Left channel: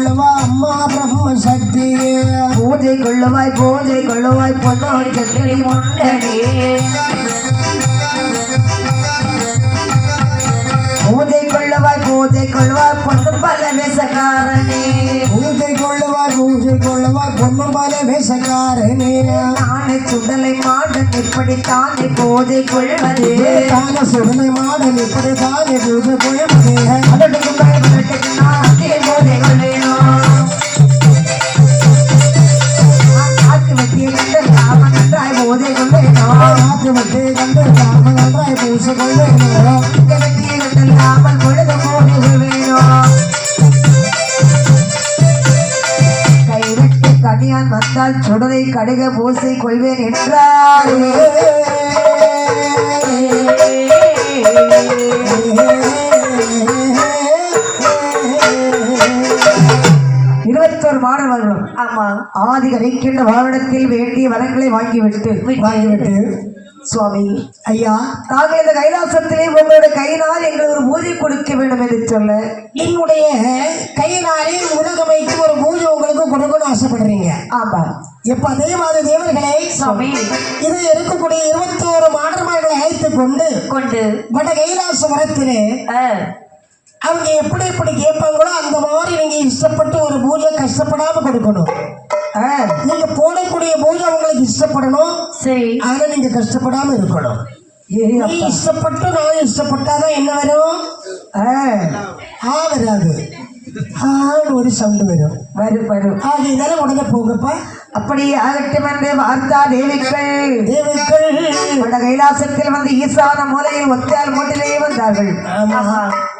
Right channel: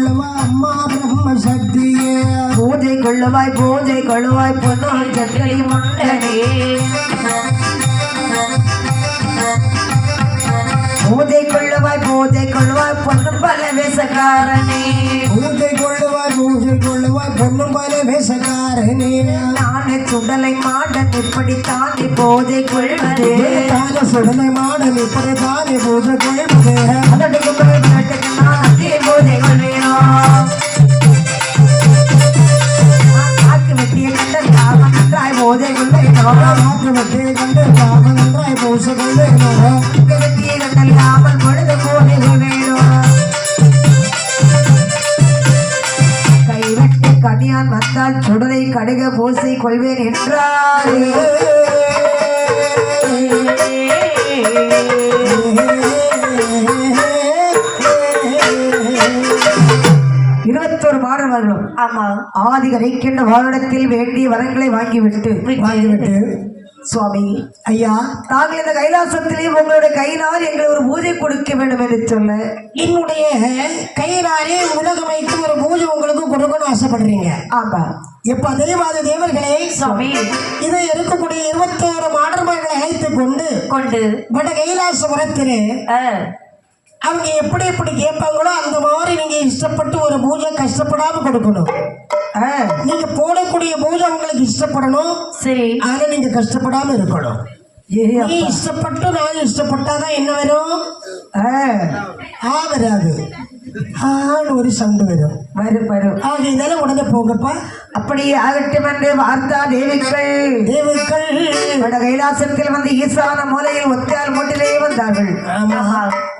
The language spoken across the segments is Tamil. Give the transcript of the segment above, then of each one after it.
கொள்ளுவா அம்மா பிரம்ம சக்தியே பூஜை கொள்ளுவாய் பொன்னோர் சட்டை முன்னணி பூஜை கொள்ளுவாய் பொன்னும் பல வேசக்காரனே பூஜை கொள்ளுவாய் பொன்னும் பல வேசக்காரனே நானே சுடலை மாடன் இப்படித்தானே பூஜை கொள்வதே தானே சுடலை மாடன் இப்படித்தானே பூஜை கொள்வதே அதற்கு நான் அதே பூஜை கொள்வேனோ காக்கு வெட்டிய கண்ட காமன் நன்றாய் பூஜை கொள்வேனோ காக்கு வெட்டிய கண்ட காமன் நன்றாய் பூஜை கொள்வேனோ வெட்டிய கண்டல் காமல் பொழுது பூஜை கொள்வேனோ கைவெட்டி கனியான் வந்தால் சுடலை கடுக பூசை கொள்வேன் என்றார் 21 மாணவர்களும் ஆமா ஆதிகரைக்கின்ற வாகனத்தில் வேண்டிய வரங்களை வாங்கிவிட்டு சுவாமி ஐயா நாங்கள் இந்த கைலாசத்திலே உங்களுடைய கையினால் எங்களுக்கு ஒரு பூஜை கொடுக்க வேண்டும் என்று சொல்ல என்னுடைய கையினாலே உலகமைக்கு ஒரு பூஜை உங்களுக்கு கொடுக்கணும்னு ஆசைப்படுறீங்க ஆமா எப்ப அதே மாதிரி தேவர்களே சுவாமி இதை இருக்கக்கூடிய 21 மாடர்மார்களை அழைத்து கொண்டு வட கைலாசபுரத்திலே அவங்க எப்படி கேட்பாங்களோ அந்த மாதிரி நீங்க இஷ்டப்பட்டு ஒரு பூஜை கஷ்டப்படாம கொடுக்கணும். நீங்க போடக்கூடிய பூஜை உங்களுக்கு இஷ்டப்படணும். சரி, ஆனா நீங்க கஷ்டப்படாம இருக்கணும். இஷ்டப்பட்டு நான் இஷ்டப்பட்டாதான் என்ன வரும்? வராது, ஒரு சவுண்டு வரும். ஆக இதெல்லாம் உடனே போங்கப்பா. அப்படியே ஆகட்டும் என்று வார்த்தா தேவிகள் வட கைலாசத்தில் வந்து ஈசான மூலையில் ஒத்தையால் மூட்டிலேயே வந்தார்கள்.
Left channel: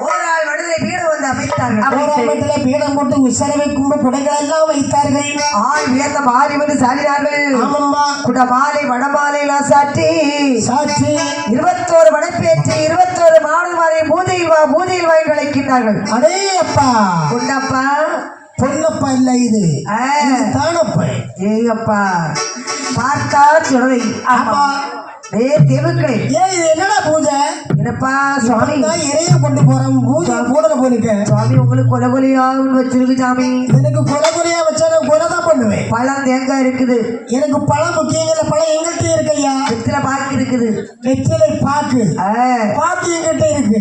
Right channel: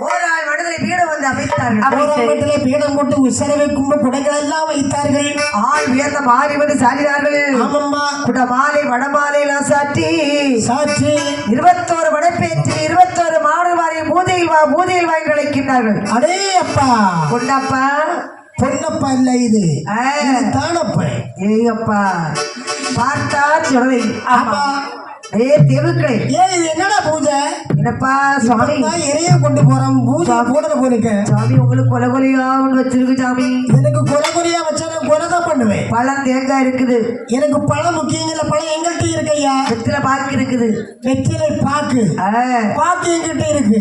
ஓராள் மனிதரை பீடம் வந்து அமைத்தார்கள். பீடம் போட்டு உசரவை கும்ப குடைகள் எல்லாம் வைத்தார்கள். ஆள் வியந்த மாறி வந்து சாடினார்கள். குடமாலை வடமாலை எல்லாம் சாற்றி 21 வடப்பேற்றி 21 மாடமாலை பூஜையில் வாங்கி அழைக்கின்றார்கள். அடே அப்பா, பொன்னப்பா இல்ல, இது தானப்பா. ஏப்பா பார்த்தா சொல்றதை தேவுக்களை இது என்னடா பூஜை? என்னப்பா சுவாமி இறைய கொண்டு போறோம், பூஜை போடல போயிருக்க சாமி. உங்களுக்கு கொலகொலியா வச்சிருக்கு சாமி. எனக்கு கொலகொலியா வச்சா நான் கொலைதான் பண்ணுவேன். பழம் தேங்காய் இருக்குது. எனக்கு பழம் முக்கியங்கள்ல பழம் எங்கள்கிட்ட இருக்கு ஐயா. வெற்றிலை பாக்கு இருக்குது. வெற்றிலை பாக்கு எங்கிட்ட இருக்கு.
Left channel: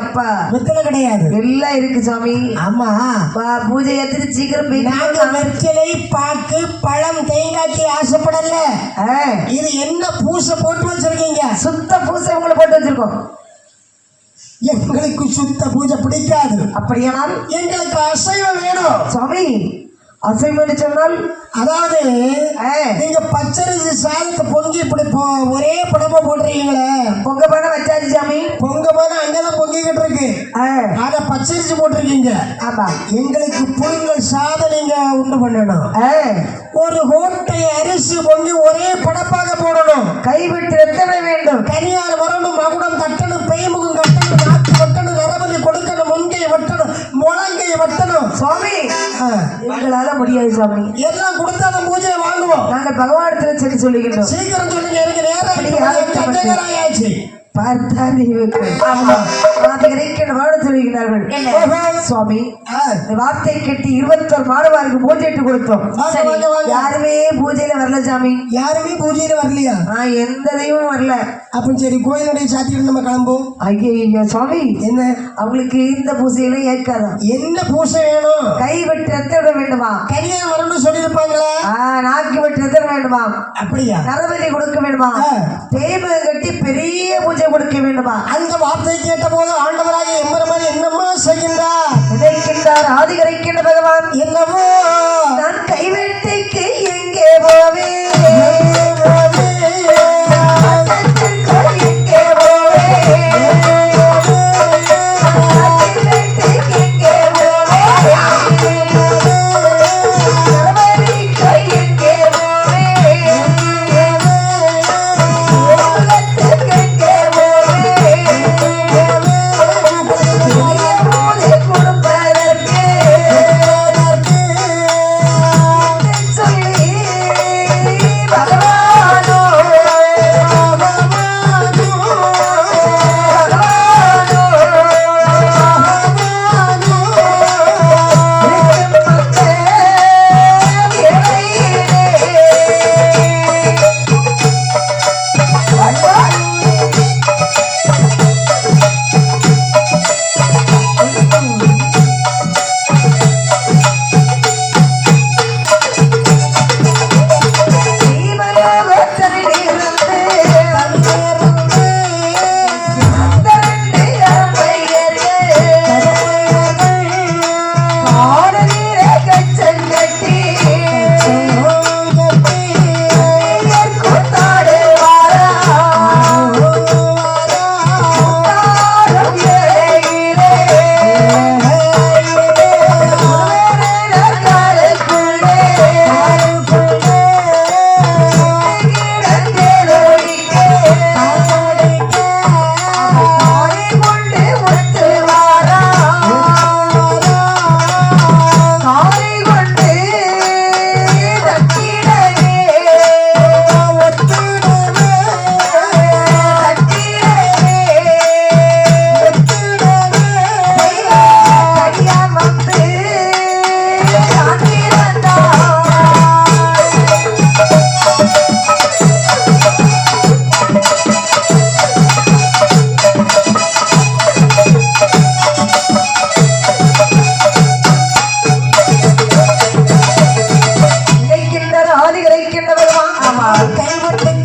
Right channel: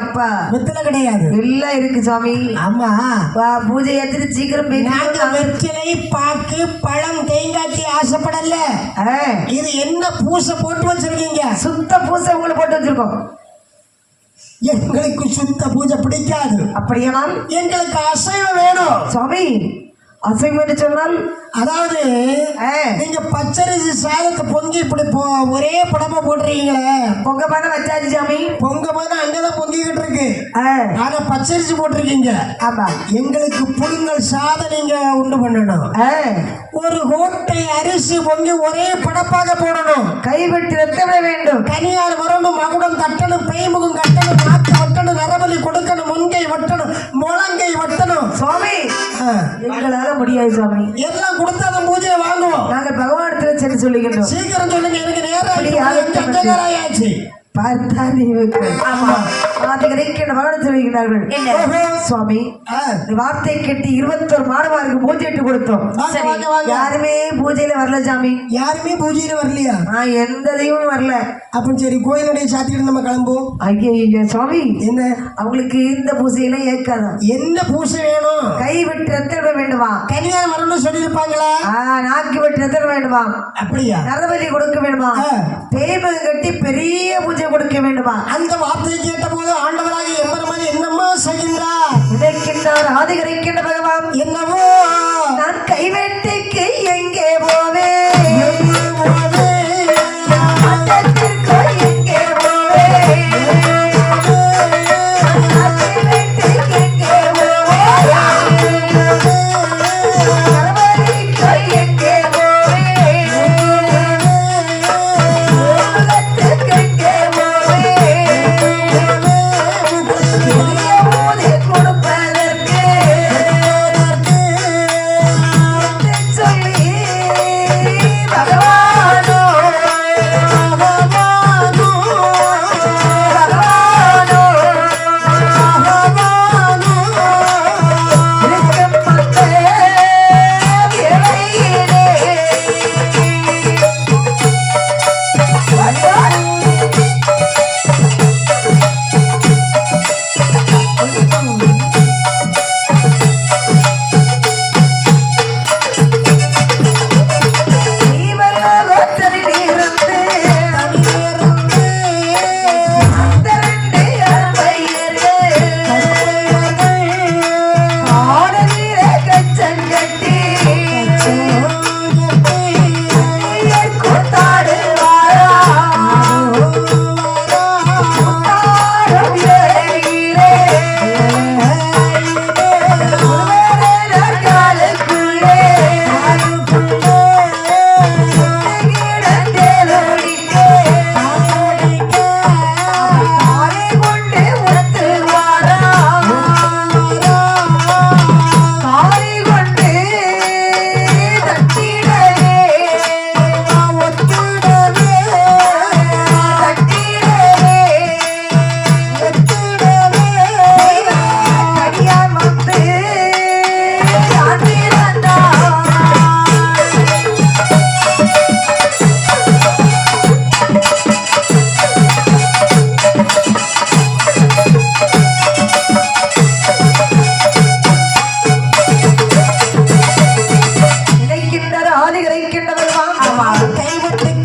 அப்பா வெற்றிலை கிடையாது, எல்லாம் இருக்கு சாமி. ஆமா, பூஜை ஏத்துட்டு சீக்கிரம் நாங்க வெற்றிலை பாக்கு பழம் தேங்காய்க்கு ஆசைப்படல. இது என்ன பூசை போட்டு வச்சிருக்கீங்க? சுத்த பூசை உங்களை போட்டு வச்சிருக்கோம். எங்களுக்கு சுத்த பூஜை பிடிக்காது. அப்படியானால் எங்களுக்கு அசைவம் வேணும் சுவாமி. அசைவம் என்று சொன்னால் அதாவது நீங்க பச்சரிசி சாதத்தை பொங்கி இப்படி ஒரே படமா போடுறீங்களே. பொங்க பானை வச்சாச்சு சாமி. பொங்க பானை அங்கதான் பொங்கிக்கிட்டு இருக்கு. ஆனா பச்சரிசி போட்டிருக்கீங்க. ஆமா, எங்களுக்கு புழுங்கல் சாதம் நீங்க உண்டு பண்ணணும். ஒரு கோட்டை அரிசி பொங்கி ஒரே படப்பாக போடணும். கைவிட்டு ரத்த விட வேண்டும். கனியார் வரணும், மகுடம் தட்டணும், பெய்முகம் கட்டணும், நாக்கு வட்டணும், நரபலி கொடுக்கணும், முன்கை வட்டணும், முழங்கை வட்டணும். சுவாமி எங்களால முடியாது சுவாமி. எல்லாம் கொடுத்தாதான் பூஜையை வாங்குவோம். நாங்கள் பகவானத்துல சரி சொல்லுகின்றோம். சீக்கிரம் சொல்லுங்க, எனக்கு நேரம் ஆச்சு. சுவாமி வார்த்தை கேட்டு 21 மாணவருக்கு பூஜைட்டு கொடுத்தோம். யாருமே பூஜையில வரல சாமி. யாருமே பூஜையில வரலையா? எந்த தெய்வமும் வரல. அப்ப சரி, கோயிலுடைய சாத்திட்டு நம்ம கிளம்புவோம். ஐயோ சுவாமி, என்ன அவங்களுக்கு இந்த பூஜையெல்லாம் ஏற்காதா? என்ன பூஜை வேணும்? கை வெட்டு ரத்த விட வேண்டுமா? கனியா வரணும்னு சொல்லியிருப்பாங்களா? நாக்கு வெட்டு ரத்த வேண்டுமா? அப்படியா? நரபலி கொடுக்க வேண்டுமா? தேய்மகம் கட்டி பெரிய பூஜை கொடுக்க வேண்டுமா? அந்த வார்த்தை கேட்ட போது ஆண்டவராக எம்பெருமான் என்னமா செய்கின்றார்? நினைக்கின்றார் ஆதிகரைக்கின்ற பகவான். என்னவோ நான் கைவெட்டிக்கு எங்கே போவேன்? ஆமா கைவிட்டு